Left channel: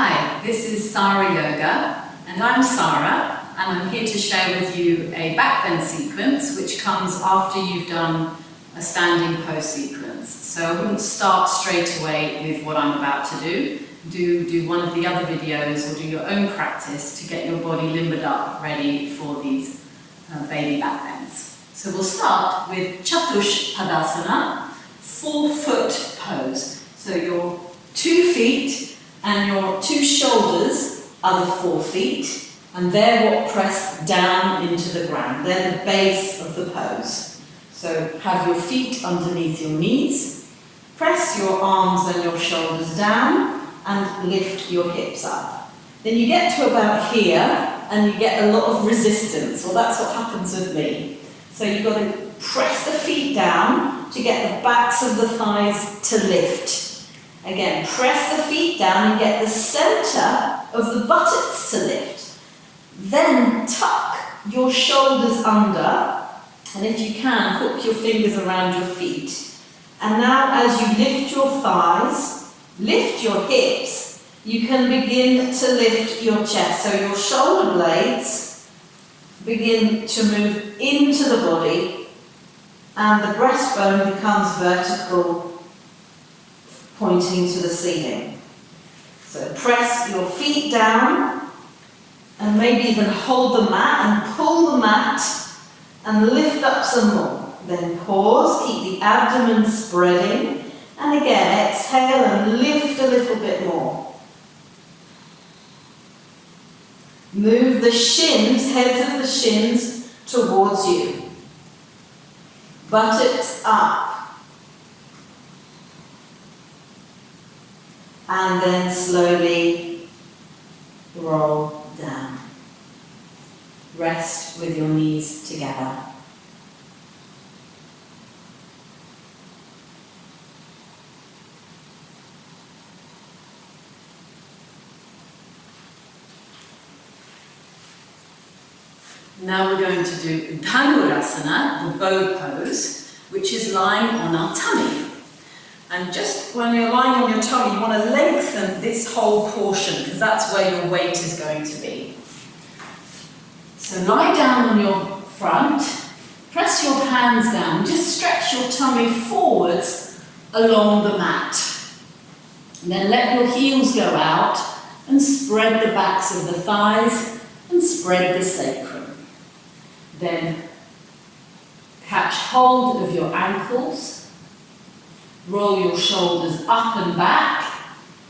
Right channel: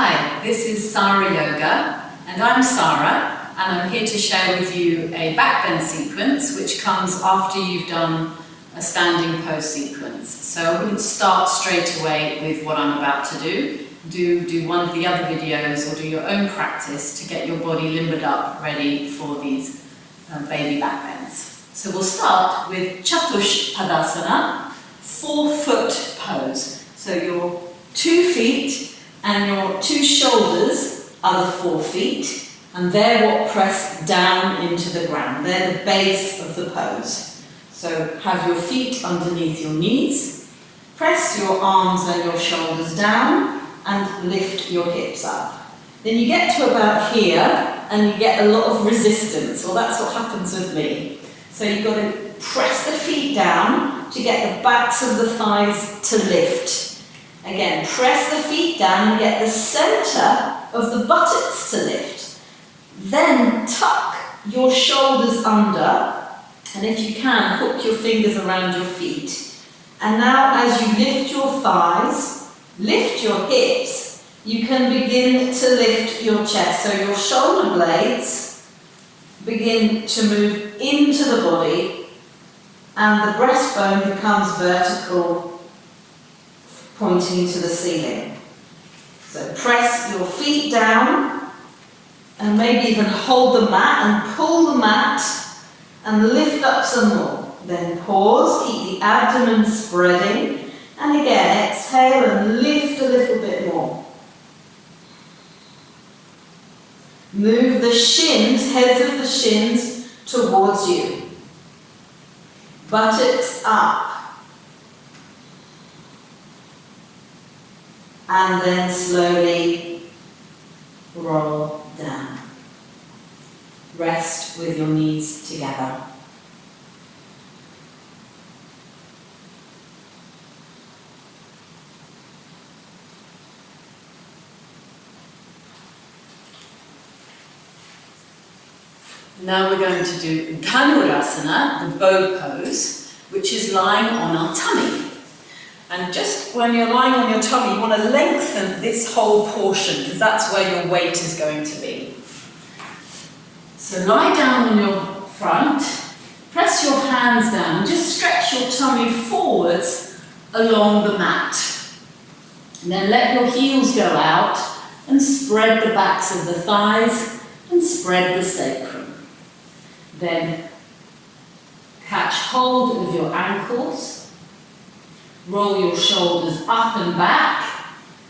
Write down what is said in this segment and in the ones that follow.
Hi, this is Sarra Yoga, and I'm Sarra, and I'm here to share with you a backbend sequence which comes after you've done a standing pose sequence. So I wouldn't start straight away with what I'm about to do. Do one of the other videos or do your own practice to get your body limbered up, ready for these baby backbends. So we'll start with Chatushpadasana, 4-foot pose. So your 2 feet and your 2 shoulders are the 4 feet, and they're what press down into the ground. They're the base of the pose. So have your feet underneath your knees, press your arms and your shoulders down, and lift your hips up. Then you get to about here, and you get a lot of resistance, or that's what happens with me. So you've got to press the feet down to get the backs of the thighs to lift. Again, press the feet down and get the center of the buttocks to lift. Then tuck your shoulders under, and if you can, hook your fingers around your feet. And now as you lift your thighs, lift your hips, you can begin to lift your chest. So your shoulder blades begin to move into the body, and the breastbone becomes vertical, pointing to the ceiling. So press your feet down and maybe even hold the mat and pull the mat and lift up some more. Then pause, keep the abdomen spreading, and again exhale and lift a little bit more. Move the shins, heads of the shins towards you. Buttocks up. And then slowly roll down. Rest with your knees together. Now we're going to do Dhanurasana, the bow pose, which is lying on our tummy. And just when you're lying on your tummy, you want to lengthen this whole portion, because that's where your weight is going to be. So lie down on your front, press your hands down, just stretch your tummy forwards along the mat. And then let your heels go out and spread the backs of the thighs and spread the sacrum. Then catch hold of your ankles. Roll your shoulders up and back,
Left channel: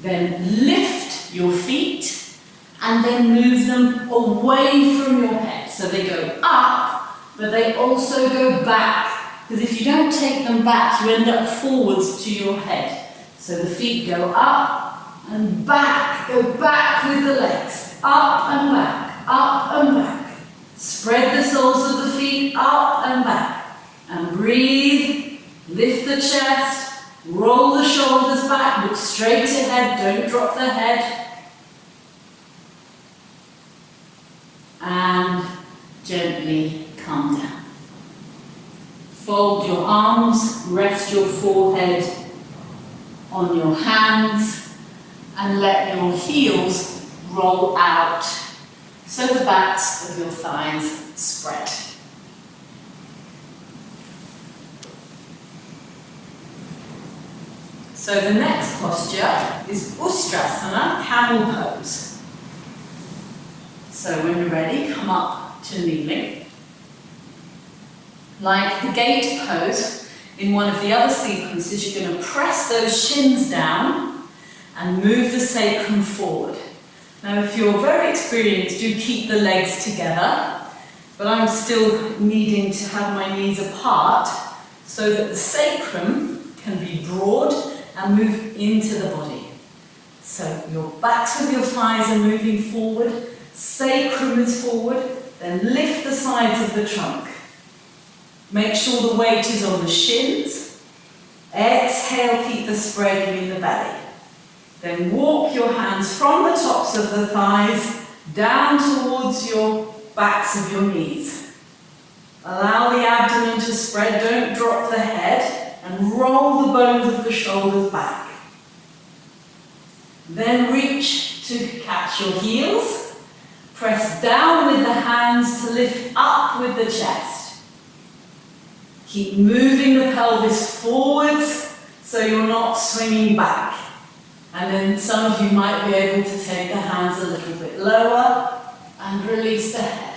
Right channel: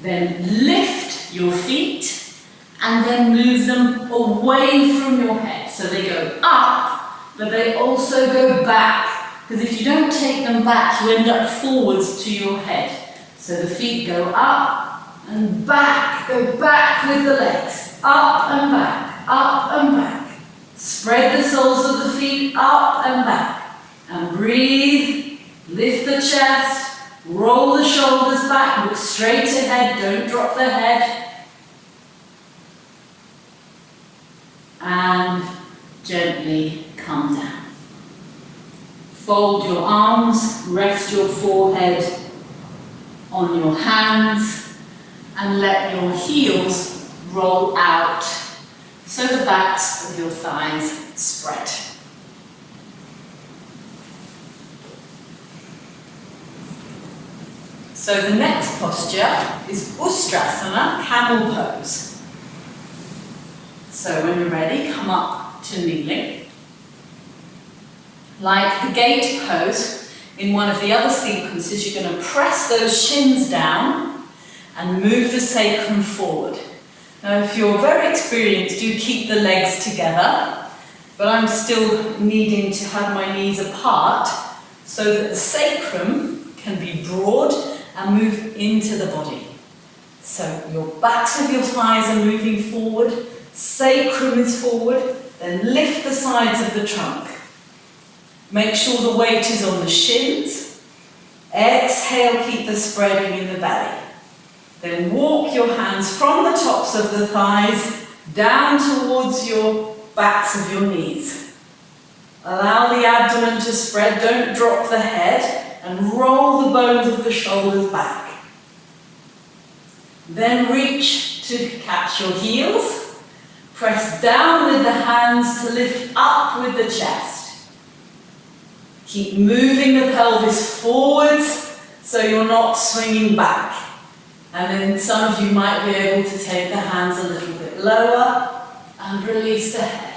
then lift your feet, and then move them away from your head. So they go up, but they also go back, because if you don't take them back, you end up forwards to your head. So the feet go up and back, go back with the legs, up and back, up and back. Spread the soles of the feet up and back, and breathe, lift the chest, roll the shoulders back, look straight ahead, don't drop the head. And gently come down. Fold your arms, rest your forehead on your hands, and let your heels roll out so the backs of your thighs spread. So the next posture is Ustrasana, camel pose. So when you're ready, come up to kneeling. Like the gate pose, in one of the other sequences, you're going to press those shins down and move the sacrum forward. Now if you're very experienced, do keep the legs together, but I'm still needing to have my knees apart so that the sacrum can be broad and move into the body. So your backs of your thighs are moving forward, sacrum is forward, then lift the sides of the trunk. Make sure the weight is on the shins. Exhale, keep the spreading in the belly. Then walk your hands from the tops of the thighs down towards your backs of your knees. Allow the abdomen to spread, don't drop the head, and roll the bones of the shoulders back. Then reach to catch your heels. Press down with the hands to lift up with the chest. Keep moving the pelvis forwards so you're not swinging back. And then some of you might be able to take the hands a little bit lower and release the head.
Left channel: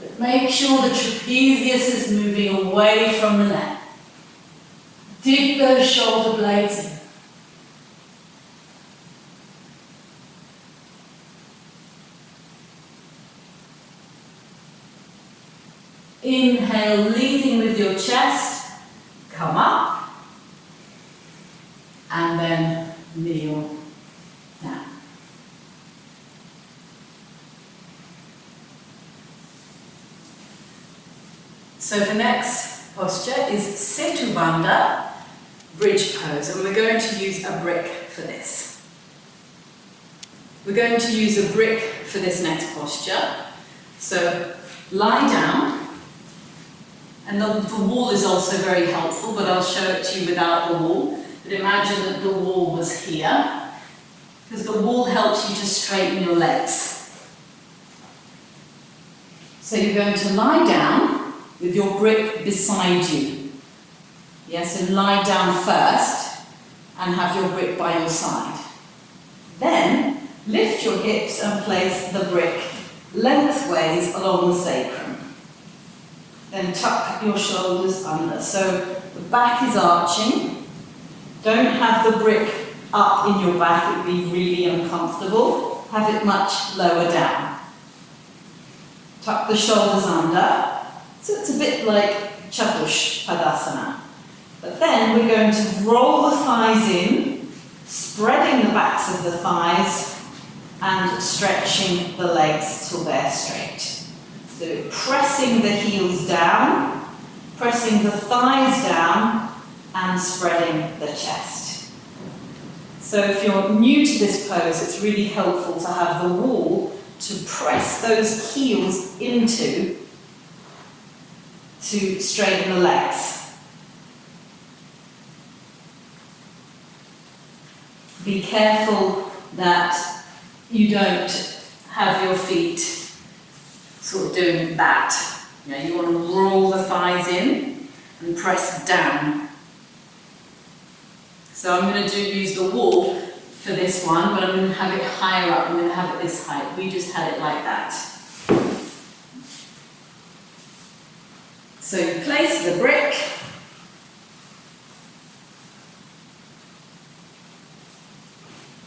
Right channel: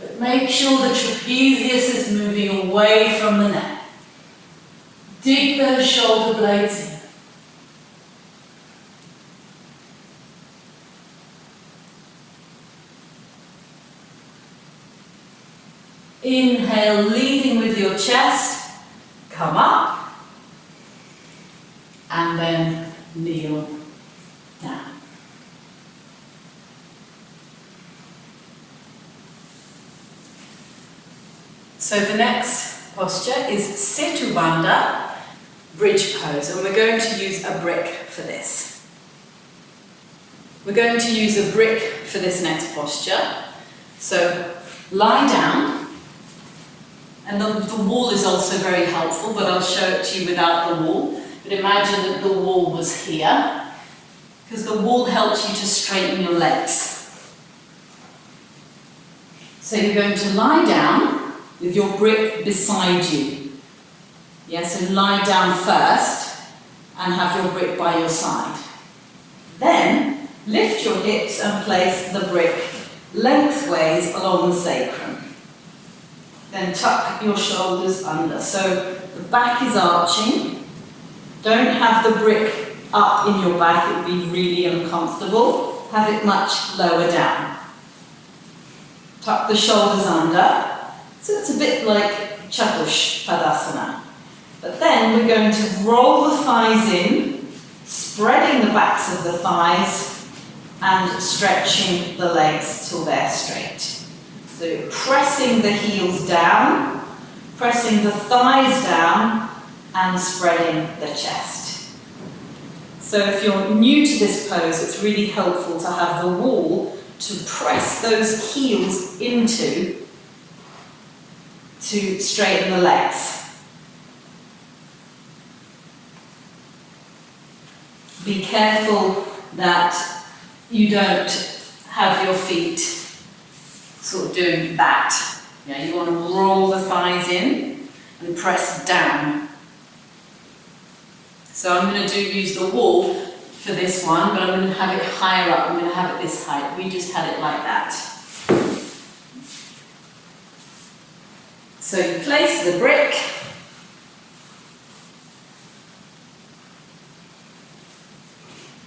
But make sure the trapezius is moving away from the neck. Dig those shoulder blades in. Inhale, leading with your chest. Come up. And then kneel down. So the next posture is Sethubandha bridge pose, and we're going to use a brick for this. We're going to use a brick for this next posture. So lie down, and the wall is also very helpful, but I'll show it to you without the wall. But imagine that the wall was here, because the wall helps you to straighten your legs. So you're going to lie down with your brick beside you. Yes, so lie down first and have your brick by your side. Then lift your hips and place the brick lengthways along the sacrum. Then tuck your shoulders under. So the back is arching. Don't have the brick up in your back, it would be really uncomfortable. Have it much lower down. Tuck the shoulders under. So it's a bit like Chatushpadasana. But then we're going to roll the thighs in, spreading the backs of the thighs and stretching the legs till they're straight. So you're pressing the heels down, pressing the thighs down and spreading the chest. So if you're new to this pose, it's really helpful to have the wall to press those heels into to straighten the legs. Be careful that you don't have your feet sort of doing that. Yeah, you want to roll the thighs in and press down. So I'm going to use the wall for this one, but I'm going to have it higher up. I'm going to have it this height. We just had it like that. So you place the brick.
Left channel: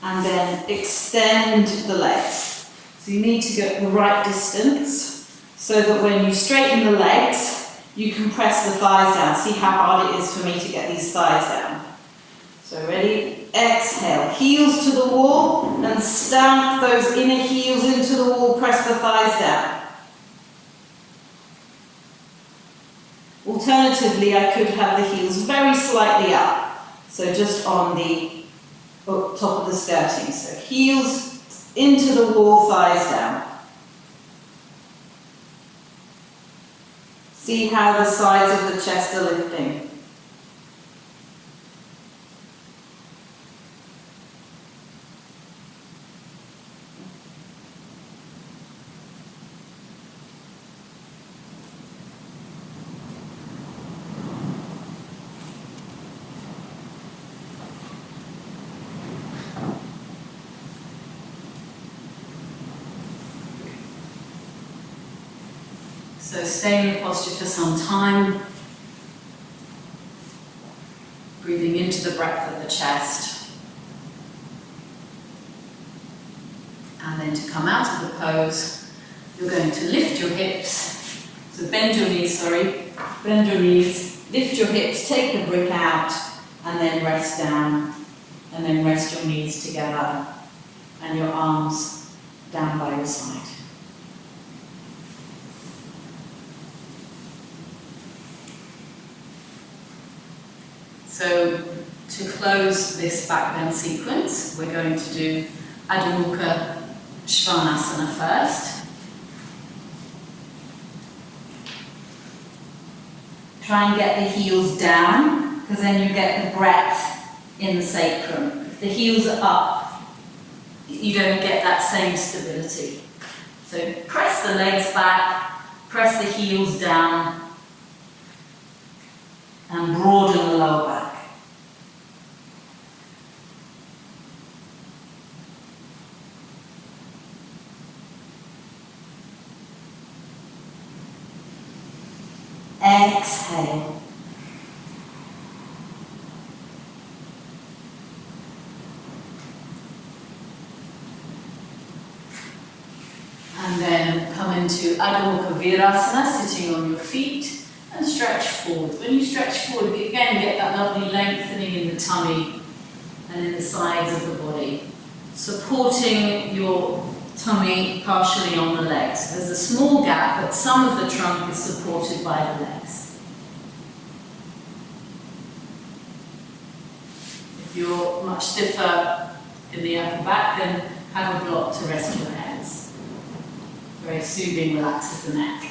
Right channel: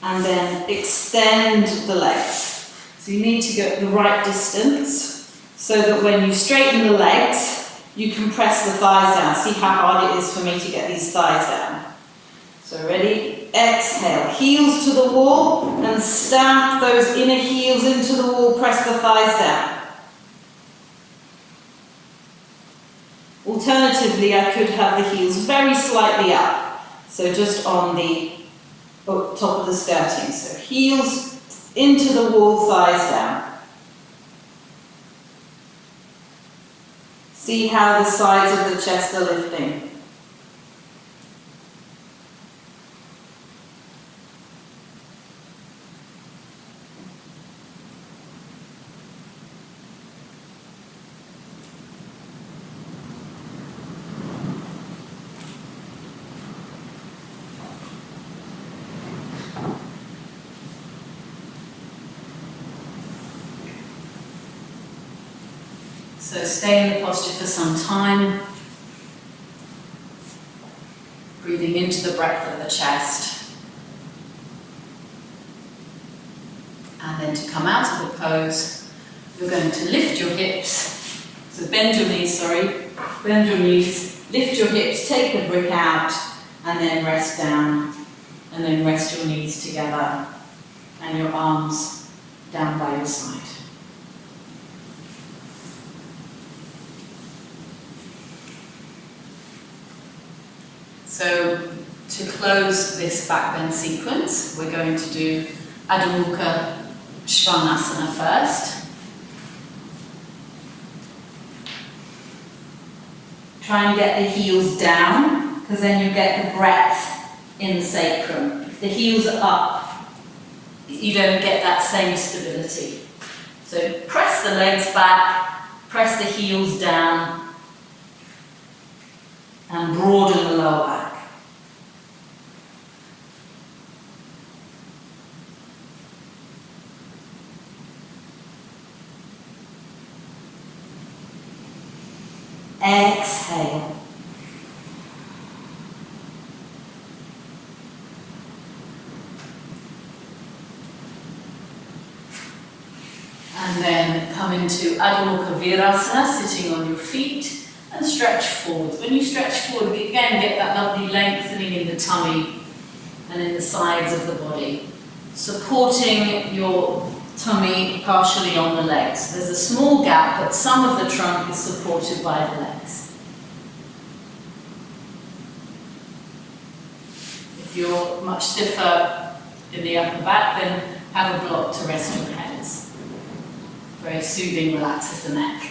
And then extend the legs. So you need to go the right distance so that when you straighten the legs, you can press the thighs down. See how hard it is for me to get these thighs down. So ready? Exhale. Heels to the wall and stamp those inner heels into the wall. Press the thighs down. Alternatively, I could have the heels very slightly up. So just on the top of the skirting. So heels into the wall, thighs down. See how the sides of the chest are lifting. So stay in the posture for some time, breathing into the breadth of the chest. And then to come out of the pose, you're going to lift your hips. So bend your knees, bend your knees, lift your hips, take the brick out, and then rest down. And then rest your knees together and your arms down by your side. So to close this backbend sequence, we're going to do Dhanurasana first. Try and get the heels down, because then you get the breadth in the sacrum. If the heels are up, you don't get that same stability. So press the legs back, press the heels down, and broaden the lower back. Exhale. And then come into Adho Mukha Virasana, sitting on your feet, and stretch forward. When you stretch forward, again get that lovely lengthening in the tummy and in the sides of the body, supporting your tummy partially on the legs. There's a small gap, but some of the trunk is supported by the legs. If you're much stiffer in the upper back, then have a block to rest your hands. Very soothing, relaxes the neck.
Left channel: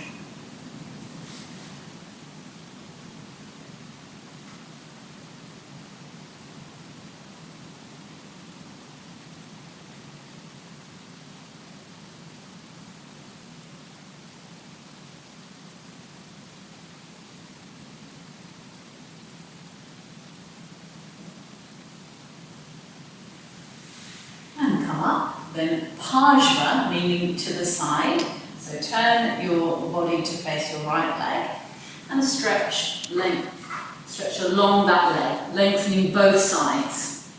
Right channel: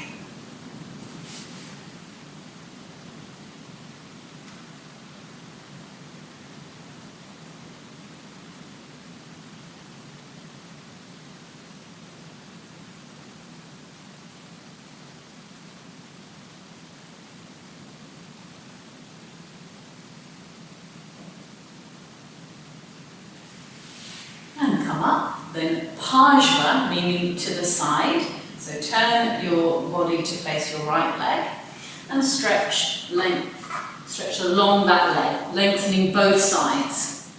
And come up. Then Pajva, meaning to the side. So turn your body to face your right leg and stretch along that leg, lengthening both sides.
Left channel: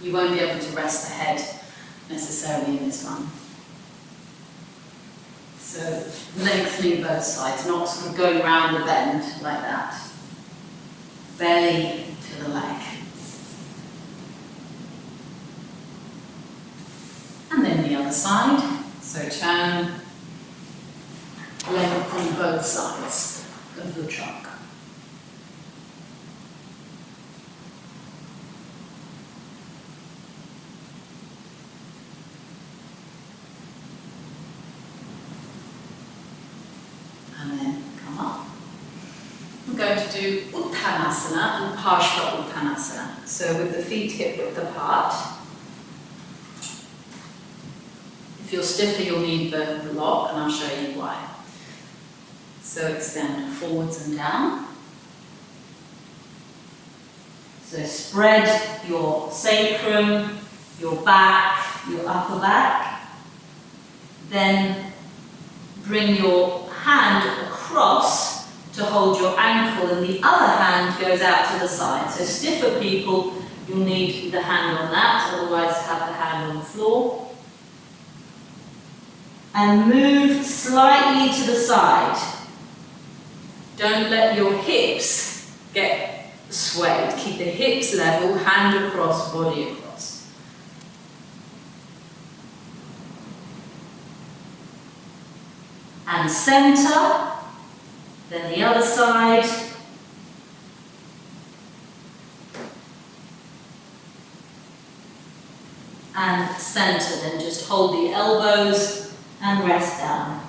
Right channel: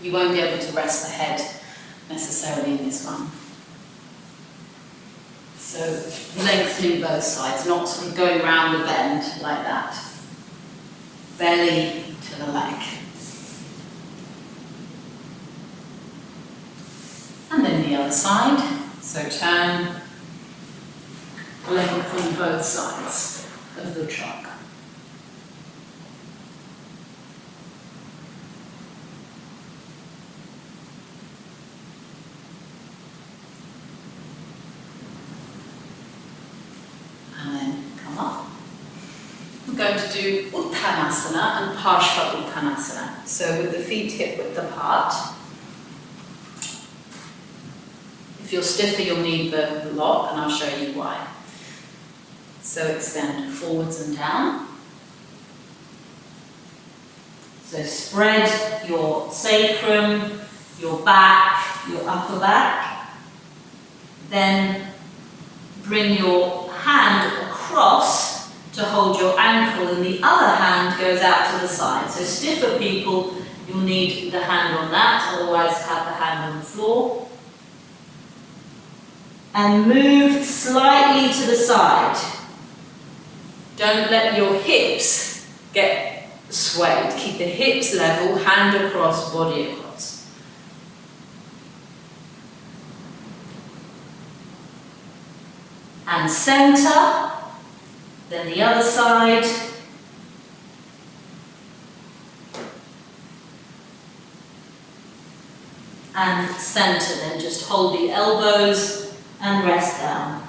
You won't be able to rest the head necessarily in this one. So lengthening both sides, not sort of going round a bend like that. Belly to the leg. And then the other side, so turn, lengthen both sides of the trunk. And then come up. We're going to do Uttanasana and Parshva Uttanasana. So with the feet hip width apart. If you're stiffer, you'll need the lock, and I'll show you why. So extend forwards and down. So spread your sacrum, your back, your upper back. Then bring your hand across to hold your ankle, and the other hand goes out to the side. So stiffer people, you'll need the hand on that, otherwise have the hand on the floor. And move slightly to the side. Don't let your hips get swayed. Keep the hips level, hand across, body across. And center, then the other side. And center, then just hold the elbows and rest down.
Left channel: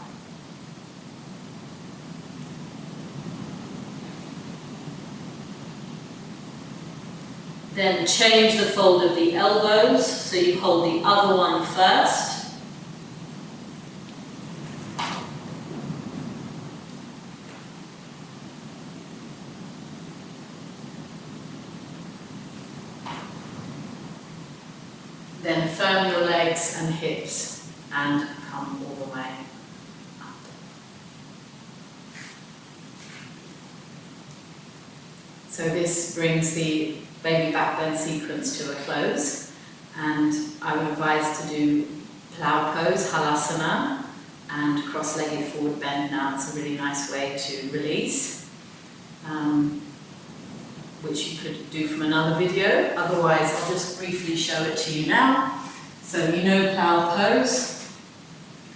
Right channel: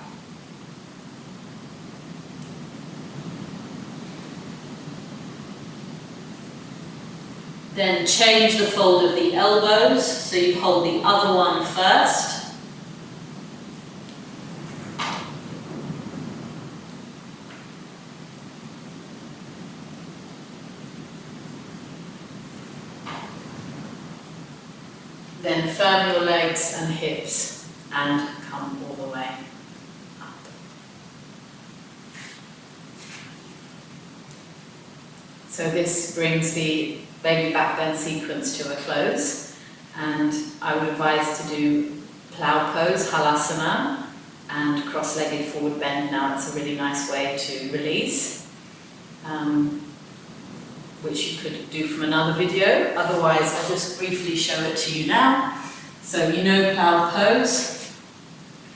Then change the fold of the elbows, so you hold the other one first. Then firm your legs and hips and come all the way up. So this brings the baby back bend sequence to a close, and I would advise to do plow pose, halasana, and cross-legged forward bend. Now it's a really nice way to release, which you could do from another video. Otherwise, I'll just briefly show it to you now. So you know plow pose,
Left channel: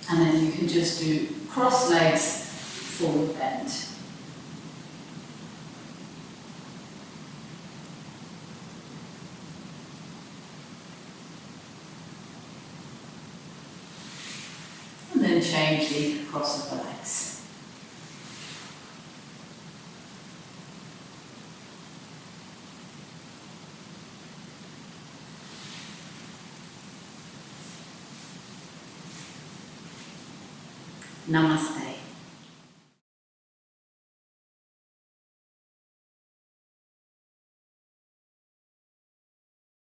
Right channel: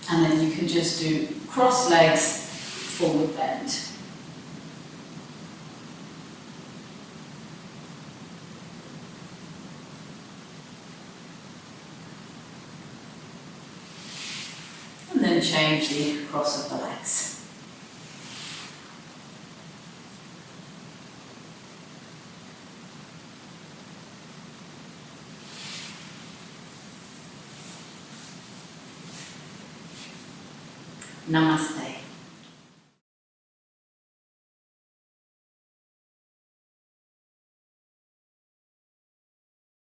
and then you can just do cross legs, forward bend. And then change the cross of the legs. Namaste.